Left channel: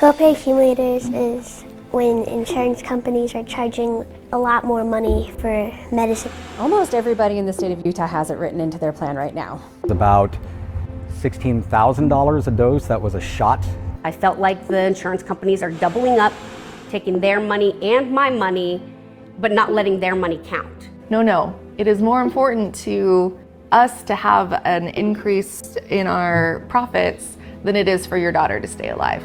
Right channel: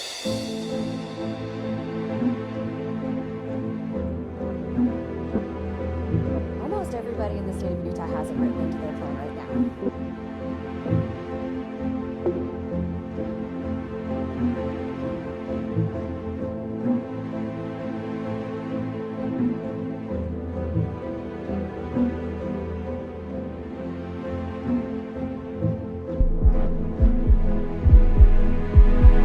Copay accumulators is when insurance companies are charging a lot more money for medicine. Almost everybody in the state of Utah has it written into their plan right now. It's about $16,000 a dose. That was a shot. I felt like the insurance companies are doubling up, taking their money and my money, but not letting their money count. No. It is more important to us to have an increase in our profits than it is for your daughter to stay alive.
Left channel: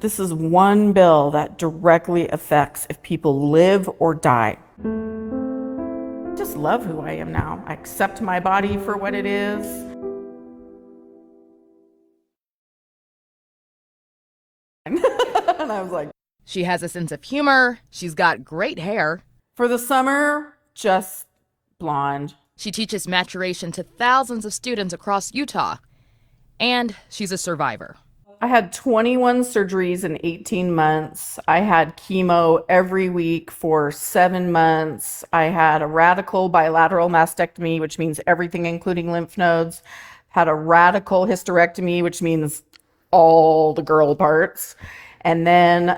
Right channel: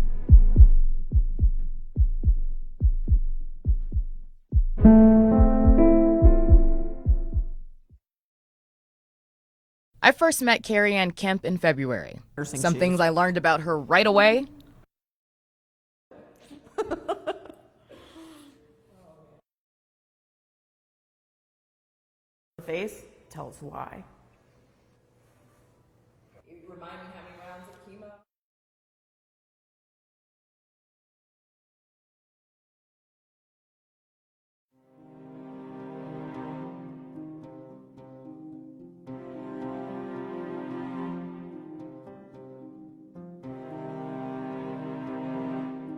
This is one bill that directly affects if people live or die. I just love who I am now. I accept my body for what it is. I first met Carrie Ann Kemp in February. Some things I learned about her right away. And I was like, She has a sense of humor. She's got great hair. for the summer, just blonde. She teaches maturation to thousands of students across Utah. And she's a survivor. I had 21 surgeries in 18 months. I had chemo every week for 7 months. I had a radical bilateral mastectomy, which means everything including lymph nodes. Had a radical hysterectomy, which means all the girl parts. And then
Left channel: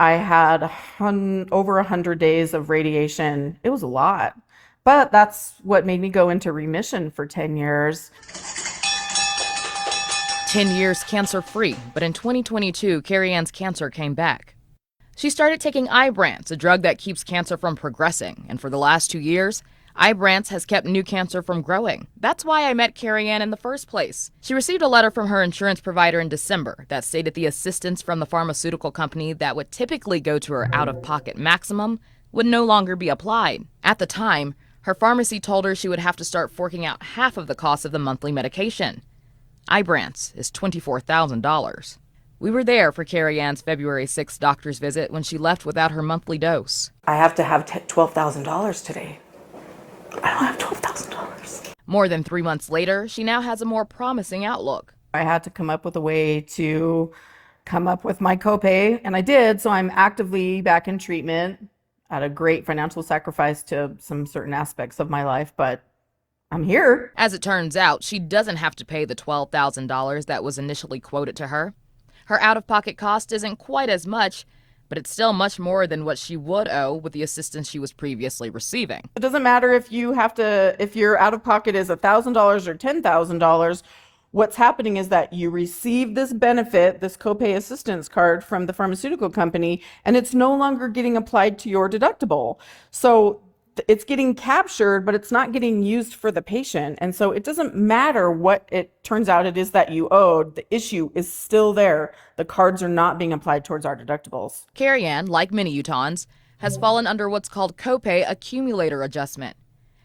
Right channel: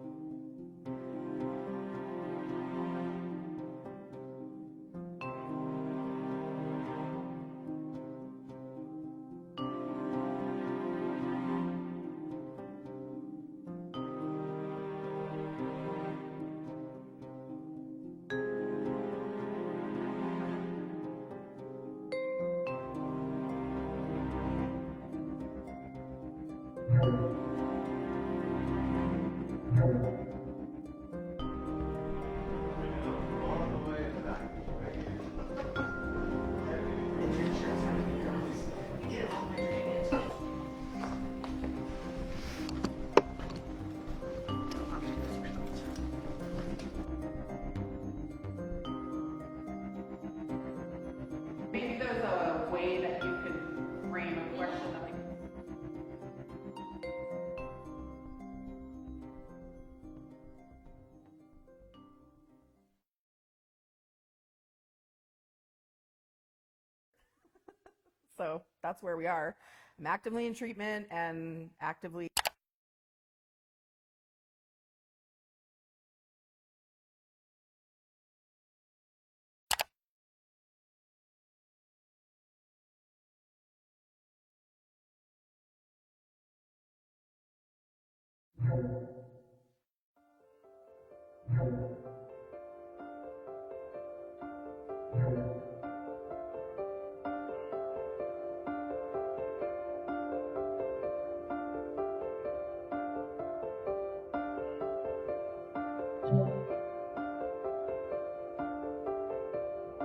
I had over 100 days of radiation. It was a lot. But that's what made me go into remission for 10 years. 10 years cancer-free, but in 2022, Carrie Ann's cancer came back. She started taking Ibrance, a drug that keeps cancer from progressing, and for the last 2 years, Ibrance has kept new cancer from growing. That's why I met Carrie Ann in the first place. She received a letter from her insurance provider in December that stated the assistance from the pharmaceutical company that would typically go to her out-of-pocket maximum would no longer be applied. At the time, her pharmacy told her she would have to start forking out half of the cost of the monthly medication. Ibrance is $24,000. We were there for Carrie Ann's February 6th doctor's visit when she left without her monthly dose. I have to have $12,000 today. I don't have $12,000. More than 3 months later, she now has a more promising outlook. I had to come up with a way to come up with my copay, and I did, so I'm actively back in treatment at a great financial sacrifice to some certain aspects of my life, but I'm here. As it turns out, she doesn't have to pay the $12,000 that was initially quoted to her. Her out-of-pocket cost isn't quite as much, but it's still much more than what she would owe with the assistance she was previously receiving. It doesn't matter if your out-of-pocket is $1,000 or $10,000. What's happening is that you receive this benefit, this copay assistance card from the pharmaceutical company, and it's no longer getting applied to your deductible. So it's getting captured, but it's not getting used for the patient. And so it doesn't matter what it turns out it is that you owed. The issue is still there. The cards are not being applied towards our deductibles. Carrie Ann, like many Utahns, has fallen under what's called copay accumulator adjustment.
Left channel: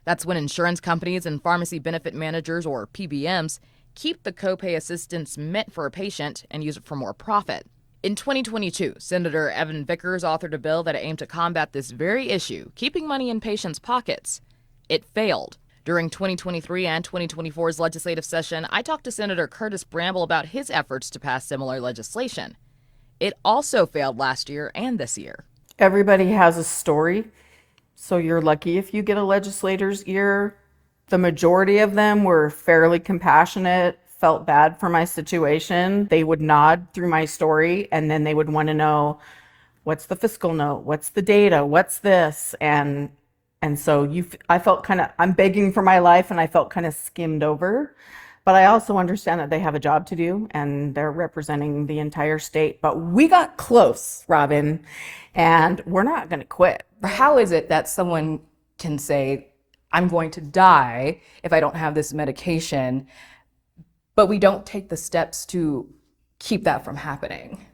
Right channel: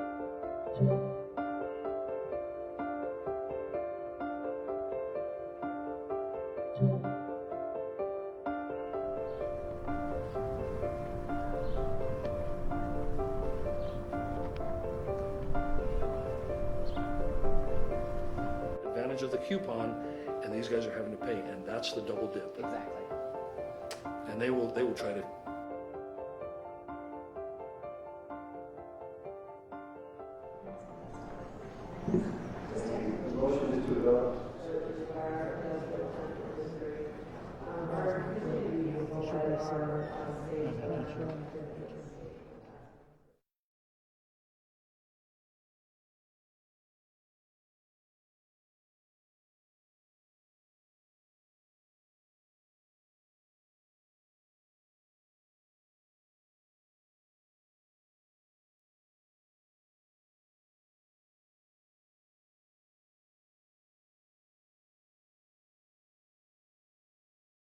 That's when insurance companies and pharmacy benefit managers, or PBMs, keep the copay assistance meant for a patient and use it for more profit. In 2022, Senator Evan Vickers authored a bill that aimed to combat this very issue, keeping money in patients' pockets. It failed. During 2023 and 2024's legislative session, I talked to Senator Curtis Bramble about his efforts to pass similar legislation. It also failed last year and this year. Everybody has a story, so you're lucky if you get a legislator's ear. The majority of them were fairly compassionate, felt bad for my situation. They would nod through my story, and then they would want to know, what's the fiscal note? What's the data? What's this? And so I felt I'm begging for my life, and I felt kind of skimmed over. But I also understand that they have a job to do, and they're representing the entire state. But we got close, Robin, and we're not going to quit. How is it that someone can say, I'm going to die if I don't have this medication, but we don't take the steps to keep that from happening?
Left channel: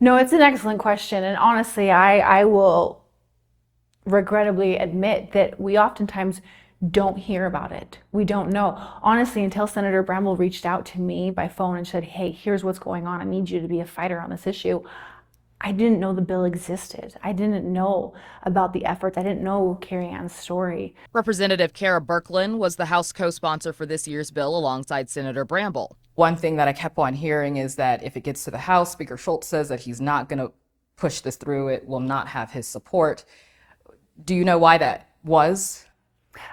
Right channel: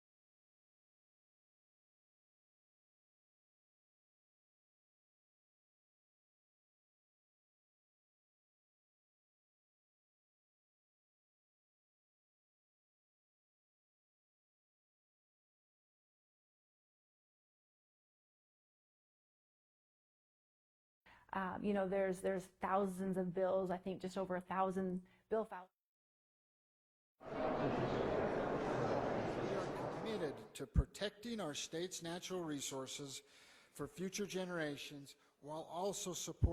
No, it's an excellent question. And honestly, I will regrettably admit that we oftentimes don't hear about it. We don't know. Honestly, until Senator Bramble reached out to me by phone and said, hey, here's what's going on. I need you to be a fighter on this issue. I didn't know the bill existed. I didn't know about the efforts. I didn't know Carrie Ann's story. Representative Kara Birkeland was the House co-sponsor for this year's bill alongside Senator Bramble. One thing that I kept on hearing is that if it gets to the House, Speaker Schultz says that he's not going to push this through. It will not have his support. Do you know why that was?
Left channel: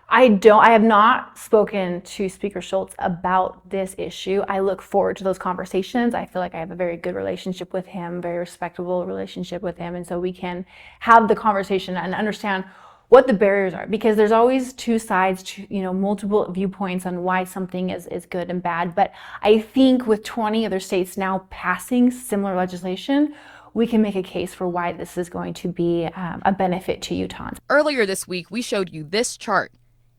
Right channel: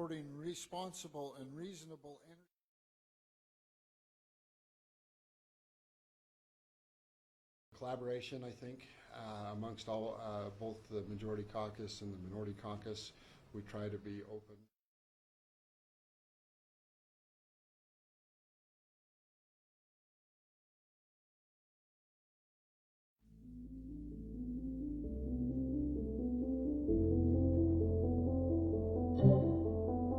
I have not spoken to Speaker Schultz about this issue. I look forward to those conversations. I feel like I have a very good relationship with him, very respectable relationship with him. And so we can have the conversation and understand what the barriers are, because there's always two sides, multiple viewpoints on why something is good and bad. But I think with 20 other states now passing similar legislation, we can make a case for why this is going to be a benefit to Utahns. Earlier this week, we showed you this chart.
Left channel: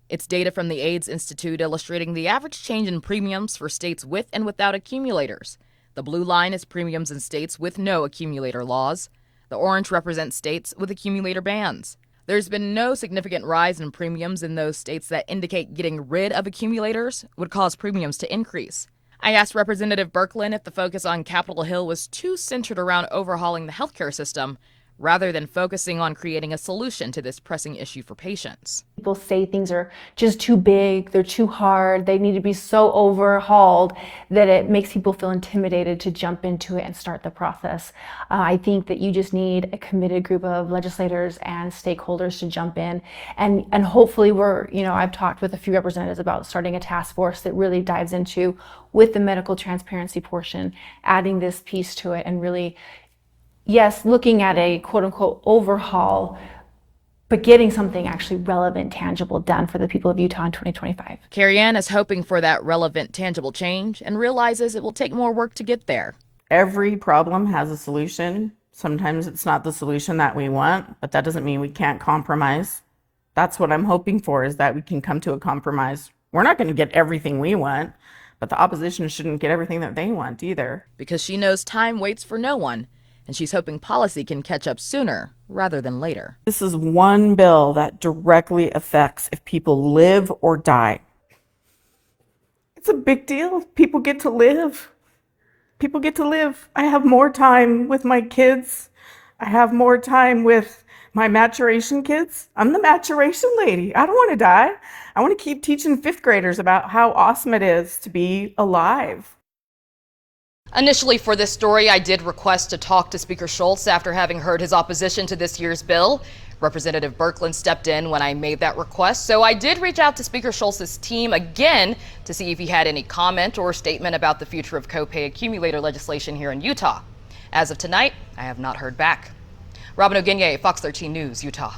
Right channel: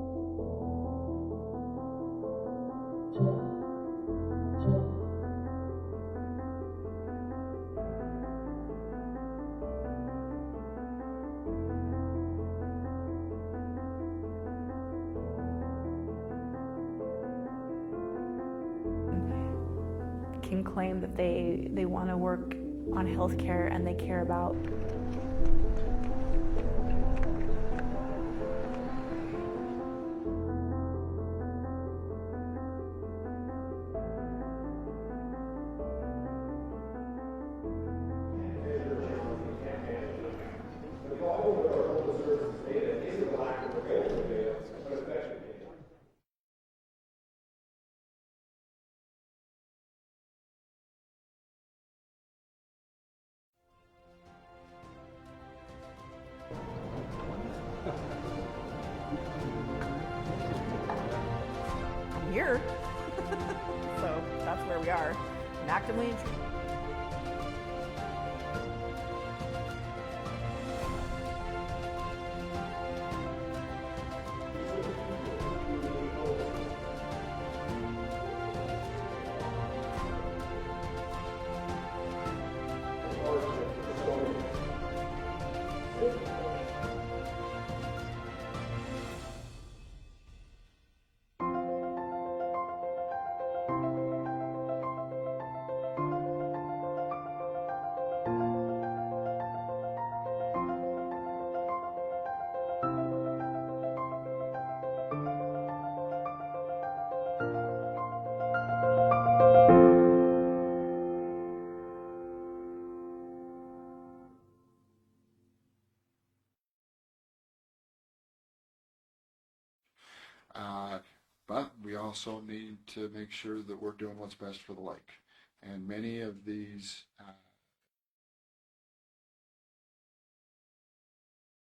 It's data from the AIDS Institute illustrating the average change in premiums for states with and without accumulators. The blue line is premiums in states with no accumulator laws. The orange represents states with accumulator bans. There's been no significant rise in premiums in those states that indicate getting rid of accumulators would cause premiums to increase. I asked Representative Birkeland if the focus on Capitol Hill was too centered around overhauling the healthcare system rather than focusing on creating a solution to this pressing issue for patients. People say things are just too big, they're too hard, they need to be so overhauled that it makes people feel intimidated to jump into it and start the process. I think that you just need a committed group of legislators and stakeholders to jump in, and hopefully I've talked with a few representatives about starting a task force that really dives into, with the medical transparency portion, adding this piece to it and really, yes, looking at a quote-unquote overhaul, but getting something actually relevant, tangible done for the people of Utah in 2025. Karianne is hoping for that relevant, tangible change and realizes it will take more work to get there. Every problem has a solution. Sometimes it's not the solution that we want, but that doesn't mean we can't compromise. That's what I'm hoping for, is that we can come to a compromise. We're not going to get everything we want, but the opposition shouldn't get everything that they want either. Because she knows time waits for no one, and she's hoping policy can catch up sooner rather than later. This is one bill that directly affects if people live or die. It's a big deal. People get to live. People get to live. I have more time with my kids. I have more time with my maturation kids. I'm the maturation lady. I don't want to die. I want to keep teaching fifth graders about how awesome it is to be alive. Initially for this story, I did request to talk to Speaker Schultz after having heard his opposition to this year's bill. Representative Birkeland stepped in when I made that request, so I did reach out to Speaker Schultz's team again to see if he had any comment or statement about the future of copay accumulator legislation here in Utah. As of tonight, I have not heard back. Robin Oginye, Fox 13 News, Utah.